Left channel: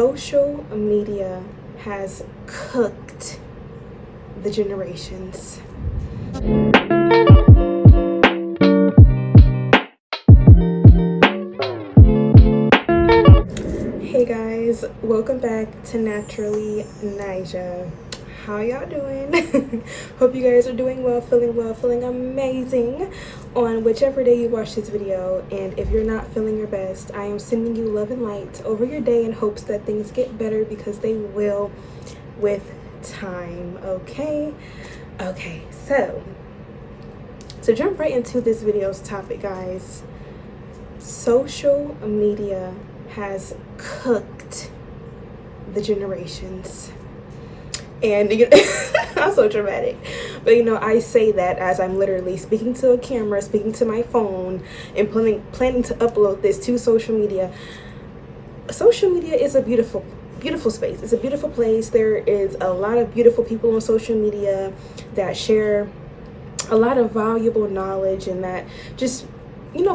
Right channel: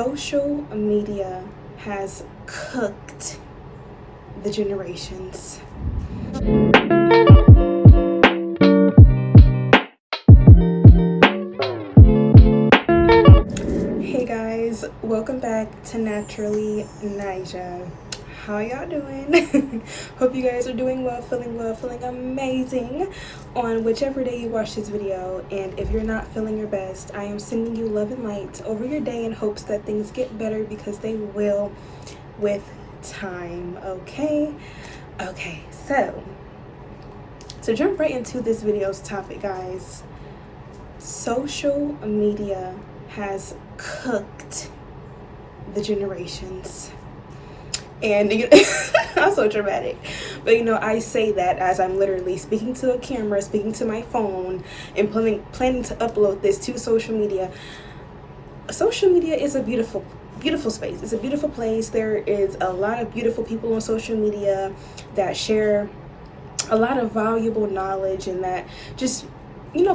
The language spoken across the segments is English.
Social media has cooked the generations. Hey guys, welcome back to Naturally Nyjah. How y'all doing? Hope you guys are doing well, feeling amazing on whichever day you watch this video. And if you're not feeling your best, I am sending you love and light over your day in hopes that things get better, because they will with time. Okay, so to jump right into this video's topic, guys, social media has cooked the generations. And I'm so dramatic, but I say that as I'm literally speaking to a camera, speaking to my phone, and planning to upload this to social media. Social media is a beautiful space. It's a beautiful place. There is a lot of beautiful people on social media that share a lot of valuable knowledge and that just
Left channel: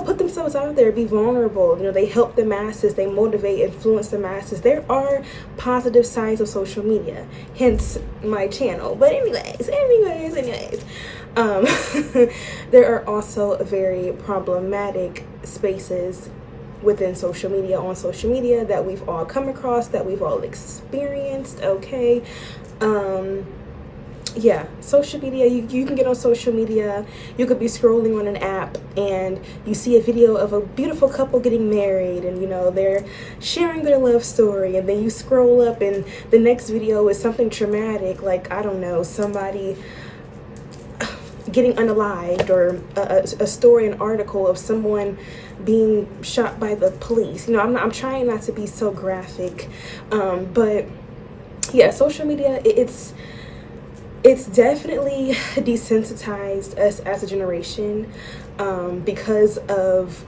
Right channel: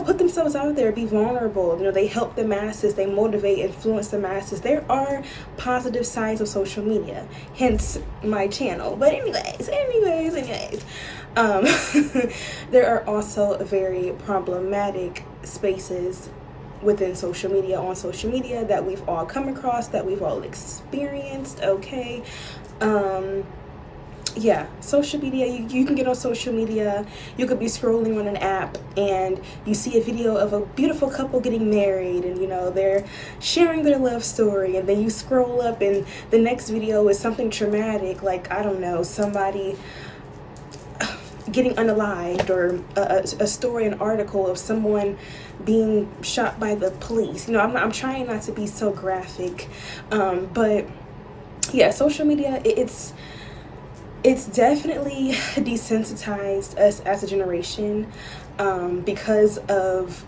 put themselves out there, be vulnerable. They help the masses, they motivate, influence the masses. There are positive sides of social media, hence my channel. But anyways, there are also very problematic spaces within social media, on social media, that we've all come across, that we've all experienced. Okay. Yeah, social media, you can get on social media. You could be scrolling on an app and you see a video of a beautiful couple getting married, and they're sharing their love story, and then you scroll up and the next video is something traumatic, like, I don't know, somebody getting unalived, or a story, an article of someone being shot by the police. I'm trying not to be so graphic, but yeah, social media, it's definitely desensitized us as a generation, because of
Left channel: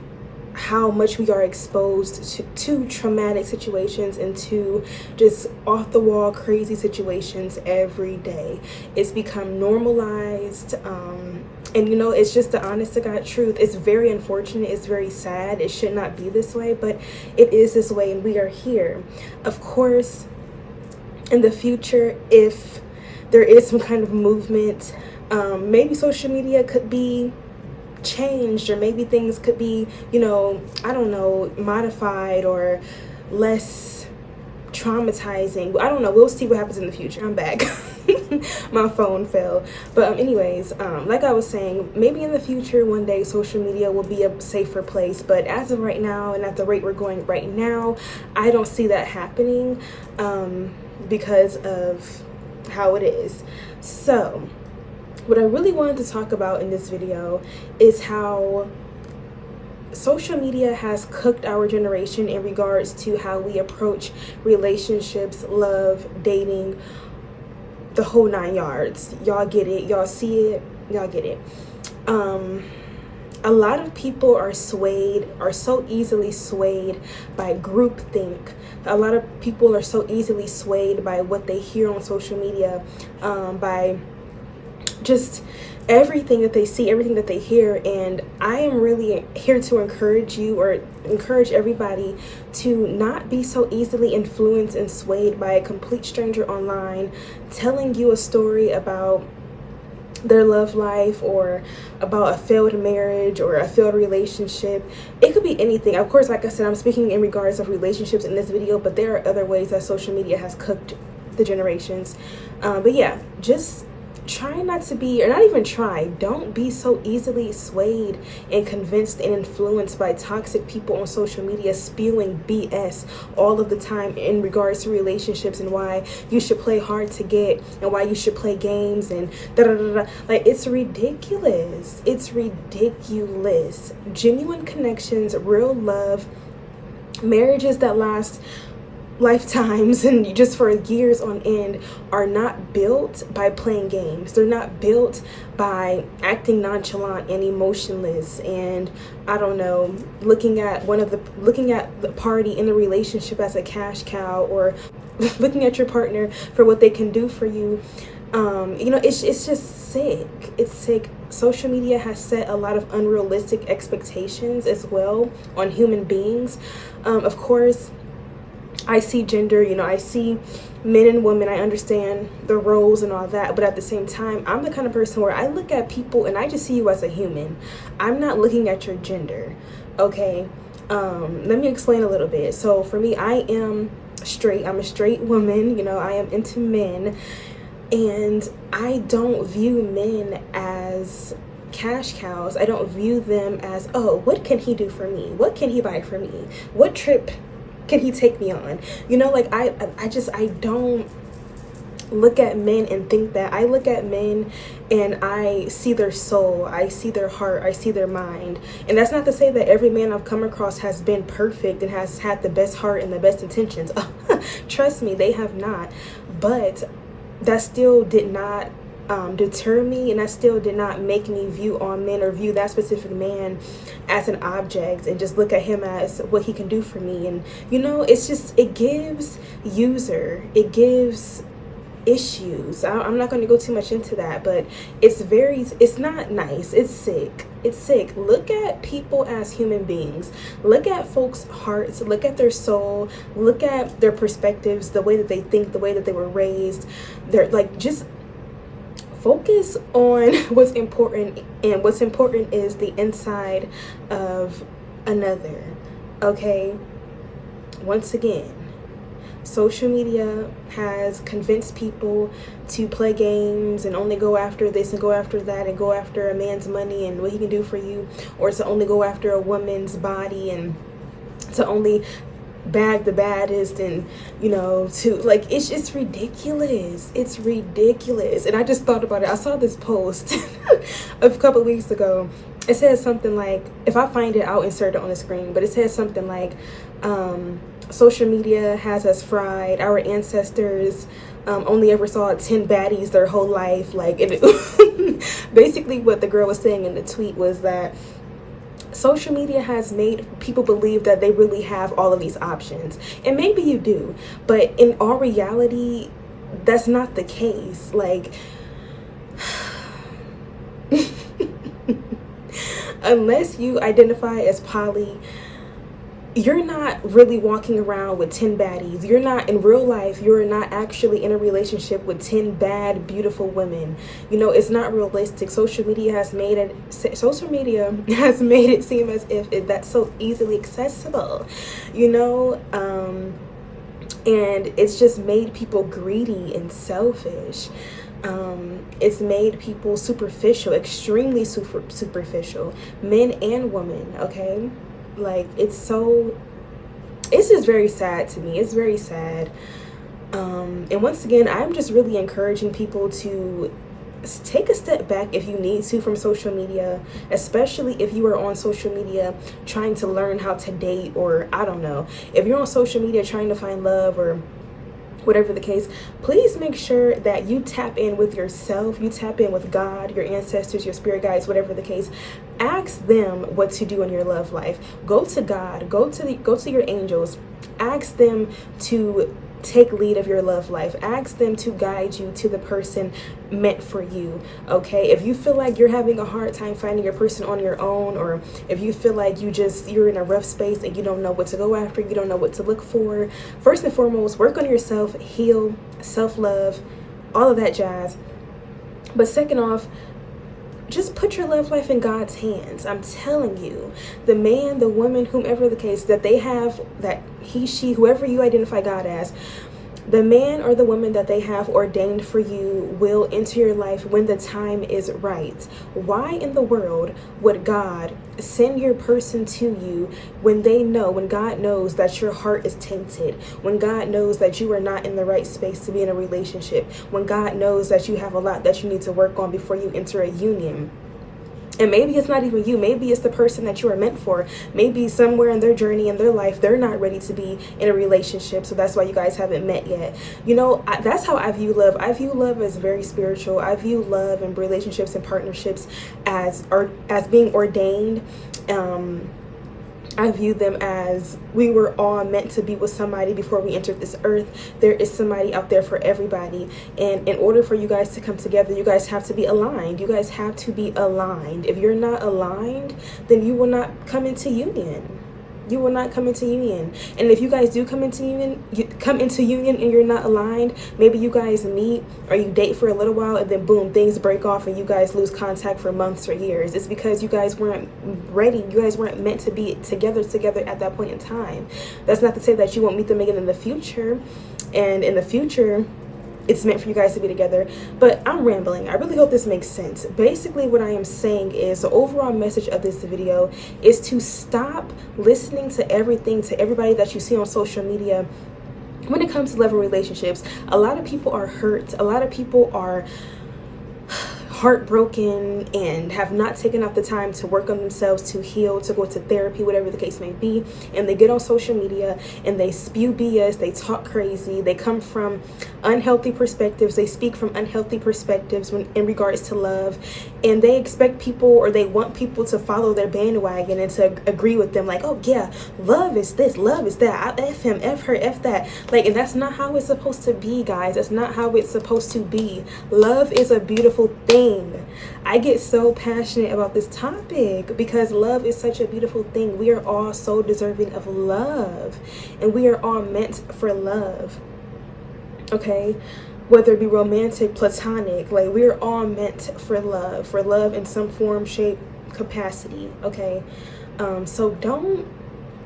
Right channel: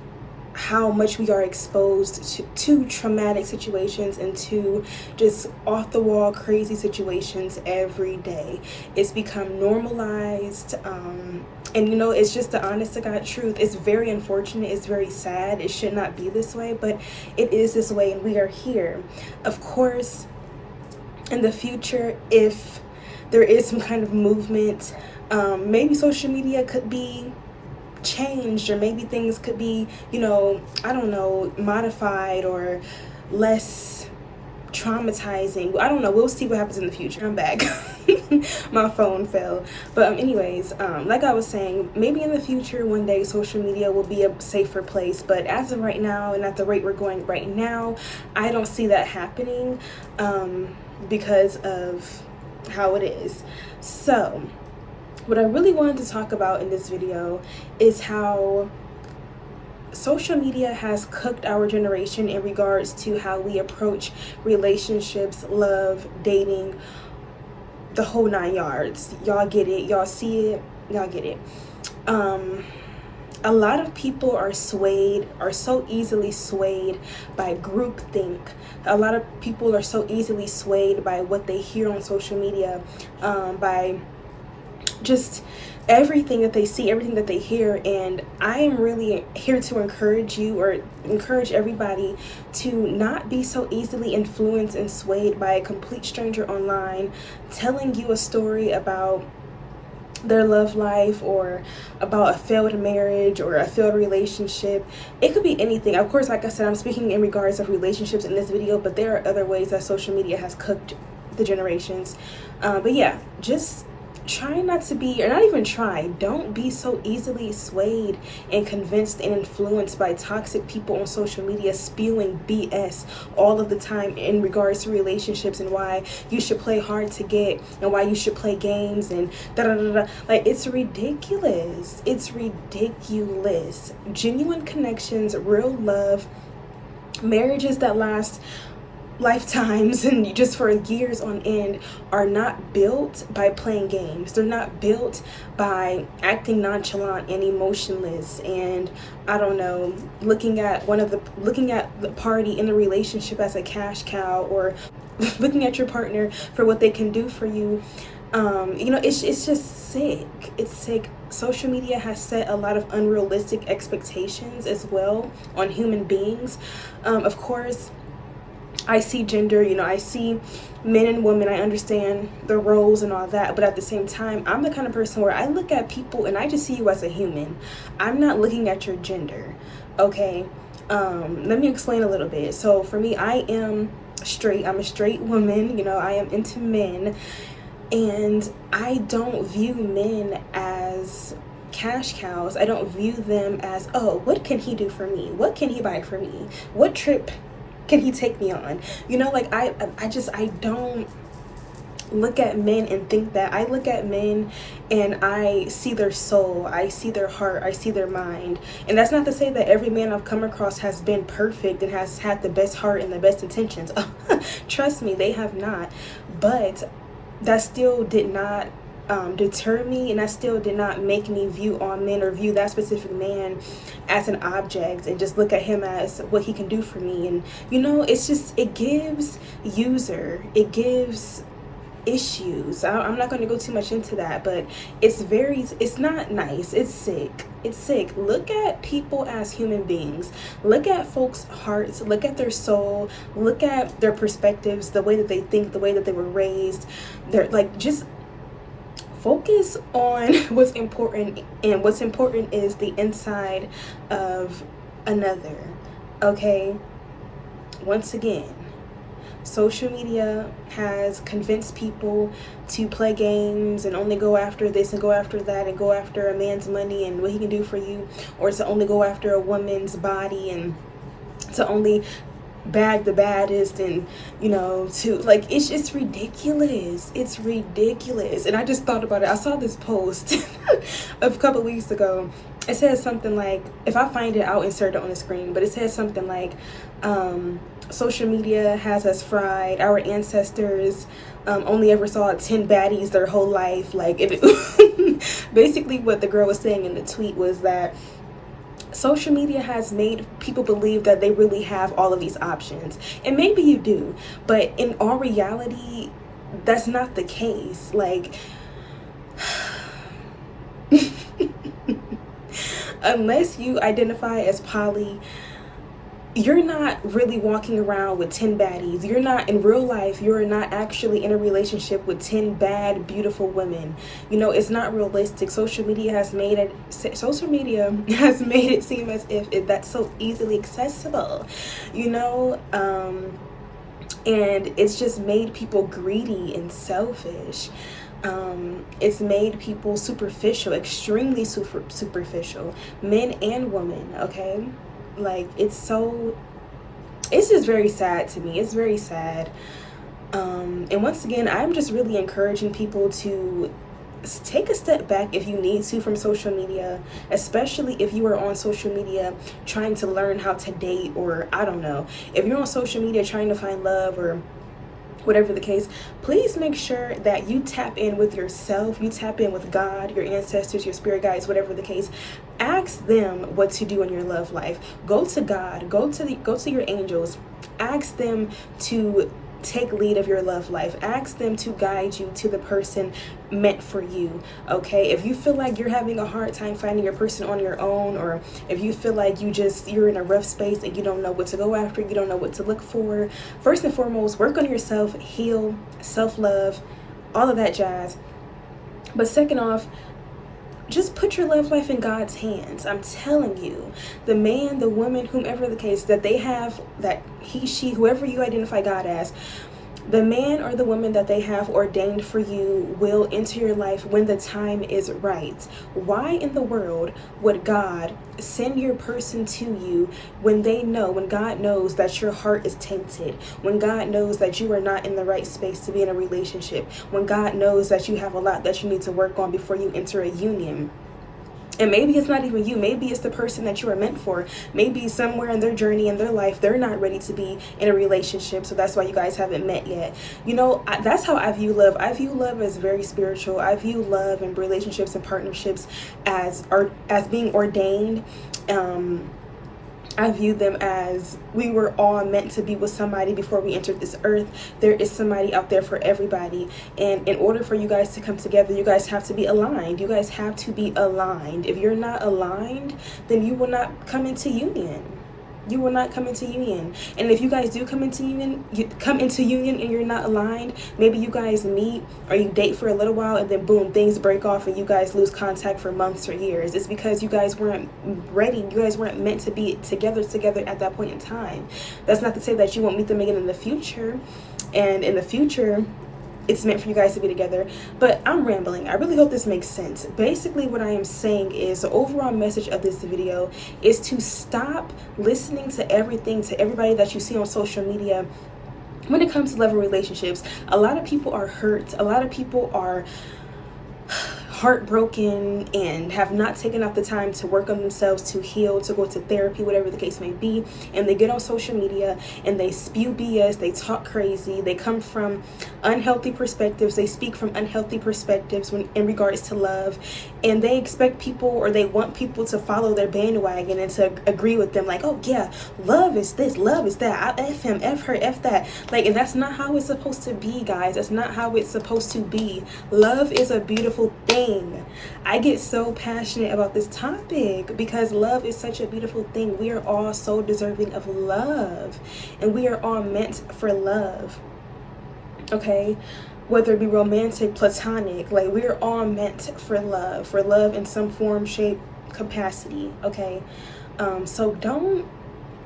how much we are exposed to traumatic situations and to just off the wall crazy situations every day. It's become normalized, and it's just the honest to God truth. It's very unfortunate, it's very sad, it should not be this way, but it is this way, and we are here. Of course, in the future, if there is some kind of movement, maybe social media could be changed, or maybe things could be, I don't know, modified or less traumatizing. I don't know. We'll see what happens in the future. I'm back. My phone fell. But anyways, like I was saying, maybe in the future, one day, social media will be a safer place. But as of right now, and at the rate we're going right now, I don't see that happening, because of how it is. So what I really wanted to talk about in this video is how social media has cooked our generation in regards to how we approach relationships, love, dating, the whole 9 yards. Y'all get it, y'all see it, y'all get it. A lot of people are so easily swayed by groupthink. A lot of people are so easily swayed by what they hear on social media, by just everything that they see, everything that they hear. And I am really here to encourage you, or encourage everybody, to not be so easily influenced and swayed by a complete stranger online telling you a story about their love life, or about a failed marriage or a failed relationship. It could be anything. Of course, like I said, I'm speaking in regards of relationships in this video, but there are other ways that social media has cooked the generations. But yeah, just try not to be, or not even try, don't be so easily swayed and convinced and influenced by toxic people on social media spewing BS all of the time in regards to relationships, and why you should play hard to get, and why you should play games, and like, it's ridiculous. Genuine connections, real love, marriages that last lifetimes and just for years on end are not built by playing games. They're not built by acting nonchalant and emotionless, and I don't know, looking at the party in the relationship as a cash cow, or looking at your partner for what they can do for you. It's just sick. It's sick. Social media has set a lot of unrealistic expectations as well on human beings. Of course, I see gender, you know, I see men and women, I understand the roles and all that, but at the same time, I'm the kind of person where I look at people and I just see you as a human. I'm not looking at your gender, okay? Let me explain a little bit. So for me, I am straight. I'm a straight woman, you know, I am into men, and I don't view men as cash cows. I don't view them as, oh, what can he do for me? What can he buy for me? What trip can he take me on? You know, like I don't look at men and think that. I look at men and I see their soul, I see their heart, I see their mind. And that's not to say that every man I've come across has been perfect and has had the best heart and the best intentions. Trust me, they have not. But that still did not deter me, and that still did not make me view all men or view that specific man as an object and just look at him as what he can do for me. And you know, it's just, it gives issues. I'm not going to go too much into that, but it's not nice. It's sick. Look at people as human beings. Look at folks' hearts, look at their soul, look at their perspectives, the way that they think, the way that they were raised. They're like, just focus on what's important, and what's important is the inside of another. Okay, once again, social media has convinced people to play games and only go after this and go after that and go after a man's money and what he can do for you, or to only go after a woman's body and to only bag the baddest, and you know, to like, it's just ridiculous. It's ridiculous. And I just thought about it. I saw this post a couple weeks ago. It says something like, if I find it, I'll insert it on the screen, but it says something like, social media has us fried. Our ancestors only ever saw 10 baddies their whole life. Like, basically what the girl was saying in the tweet was that social media has made people believe that they really have all of these options. And maybe you do, but in all reality, that's not the case. Like, unless you identify as poly, you're not really walking around with 10 baddies. You're not, in real life, you're not actually in a relationship with 10 bad, beautiful women. You know, it's not realistic. Social media has made it seem as if that's so easily accessible, you know, and it's just made people greedy and selfish. It's made people superficial, extremely superficial, men and women, okay? Like, it's just very sad to me. It's very sad. And once again, I'm just really encouraging people to take a step back if you need to from social media, especially if you are on social media trying to learn how to date, or I don't know, if you're on social media trying to find love or whatever the case. Please make sure that you tap in with yourself, you tap in with God, your ancestors, your spirit guides, whatever the case. Ask them what to do in your love life. Go to God, go to your angels. Ask them to take lead of your love life. Ask them to guide you to the person meant for you, okay? If you feel like you're having a hard time finding your person on your own, or if you feel like you're in a rough space and you don't know what to go after, you don't know what to look for, first and foremost, work on yourself, heal, self-love, all of that jazz. But second off, just put your love life in God's hands. I'm telling you, the man, the woman, whomever the case, that they have, that he, she, whoever you identify God as, the man or the woman that they have ordained for you will enter your life when the time is right. Why in the world would God send your person to you when God knows that your heart is tainted, when God knows that you are not in the right space to be in a relationship, when God knows that you have a lot that you need to work on before you enter a union? And maybe it's not even you. Maybe it's the person that you are meant for. Maybe somewhere in their journey, in their life, they're not ready to be in a relationship. So that's why you guys haven't met yet. You know, that's how I view love. I view love as very spiritual. I view love and relationships and partnerships as being ordained. I view them as we were all meant to be with somebody before we entered this earth. There is somebody out there for everybody. And in order for you guys to come together, you guys have to be aligned. You guys have to be aligned. If you're not aligned, then you will not come into union. You will not come into union. And if you guys do come into union, and you're not aligned, maybe you guys meet or you date for a little while and then boom, things break off and you guys lose contact for months or years. It's because you guys weren't ready. You guys weren't meant to be together at that point in time. That's not to say that you won't meet them again in the future. And in the future, it's meant for you guys to be together. But I'm rambling. I really hope this makes sense. Basically, what I am saying is the overall message of this video is to stop listening to everything, to everybody that you see on social media. When it comes to love and relationships, a lot of people are hurt. A lot of people are heartbroken and have not taken out the time to work on themselves, to heal, to go to therapy, whatever the case may be. And they get on social media and they spew BS, they talk crazy, they come from unhealthy perspectives, they speak from unhealthy perspectives in regards to love, and they expect people, or they want people to follow their bandwagon and to agree with them, like, oh yeah, love is this, love is that, I F him, F her, F that. Like, and that's not how it's supposed to be, guys. That's not how it's supposed to be. Love is a beautiful thing. I get so passionate about this topic because love is such a beautiful thing. We are all so deserving of love, and we are all meant for love, okay? Whether it be romantic, platonic, like, we are all meant for love in some form, shape, capacity, okay? So don't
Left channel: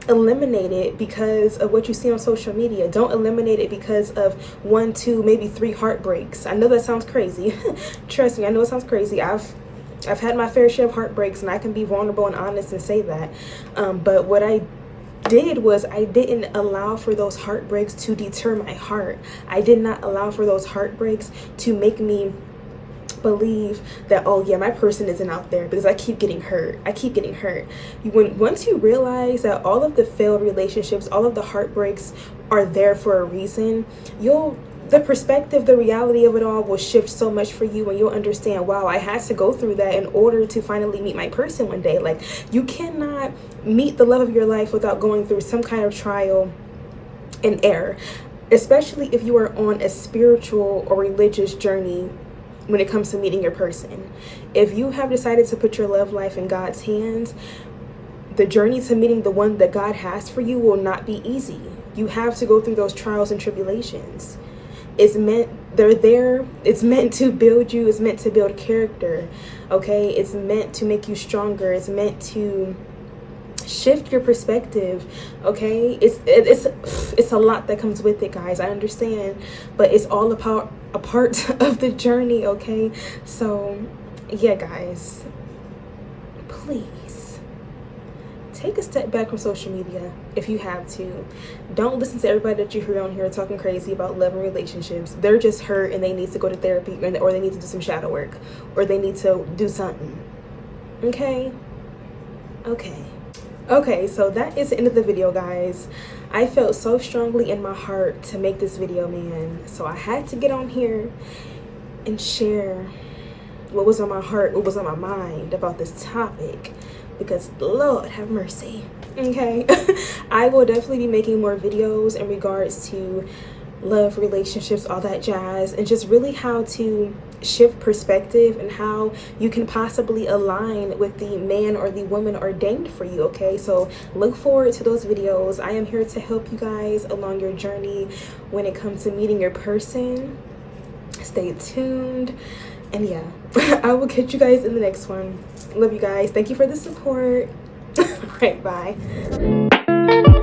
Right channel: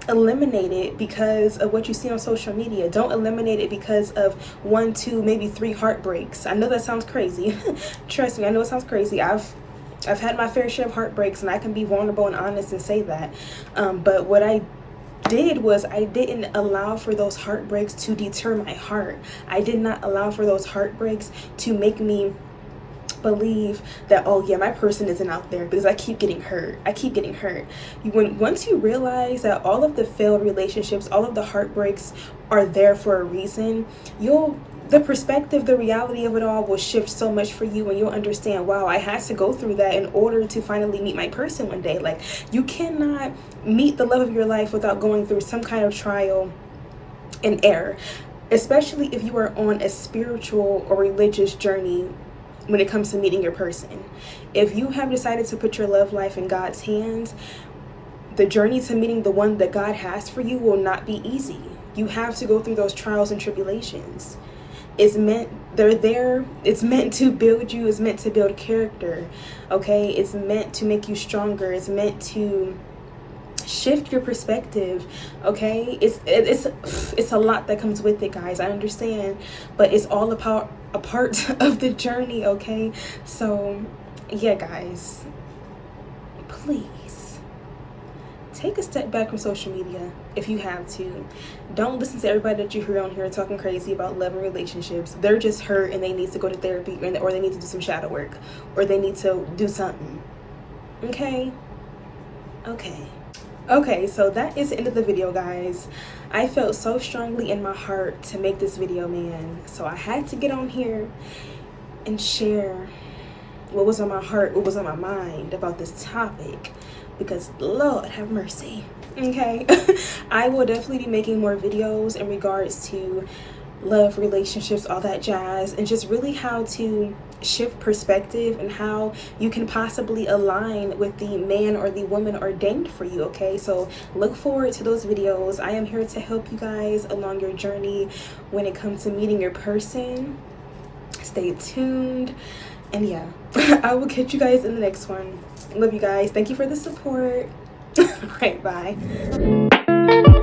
eliminate it because of what you see on social media. Don't eliminate it because of 1, 2, maybe 3 heartbreaks. I know that sounds crazy. Trust me, I know it sounds crazy. I've had my fair share of heartbreaks, and I can be vulnerable and honest and say that. But what I did was I didn't allow for those heartbreaks to deter my heart. I did not allow for those heartbreaks to make me believe that, oh yeah, my person isn't out there, because I keep getting hurt. Once you realize that all of the failed relationships, all of the heartbreaks are there for a reason, the perspective, the reality of it all will shift so much for you, and you'll understand, wow, I had to go through that in order to finally meet my person one day. Like, you cannot meet the love of your life without going through some kind of trial and error, especially if you are on a spiritual or religious journey. When it comes to meeting your person, if you have decided to put your love life in God's hands, the journey to meeting the one that God has for you will not be easy. You have to go through those trials and tribulations. They're there. It's meant to build you. It's meant to build character, okay? It's meant to make you stronger. It's meant to shift your perspective, okay? It's a lot that comes with it, guys. I understand, but it's all about a part of the journey, okay? So yeah, guys, please take a step back from social media if you have to. Don't listen to everybody that you hear on here talking crazy about love and relationships. They're just hurt and they need to go to therapy, or they need to do some shadow work, or they need to do something, okay? Okay, so that is the end of the video, guys. I felt so strongly in my heart to make this video, man. So I had to get on here and share what was on my heart, what was on my mind about this topic, because Lord have mercy, okay? I will definitely be making more videos in regards to love, relationships, all that jazz, and just really how to shift perspective and how you can possibly align with the man or the woman ordained for you, okay? So look forward to those videos. I am here to help you guys along your journey when it comes to meeting your person. Stay tuned, and yeah, I will catch you guys in the next one. Love you guys. Thank you for the support. All right, bye.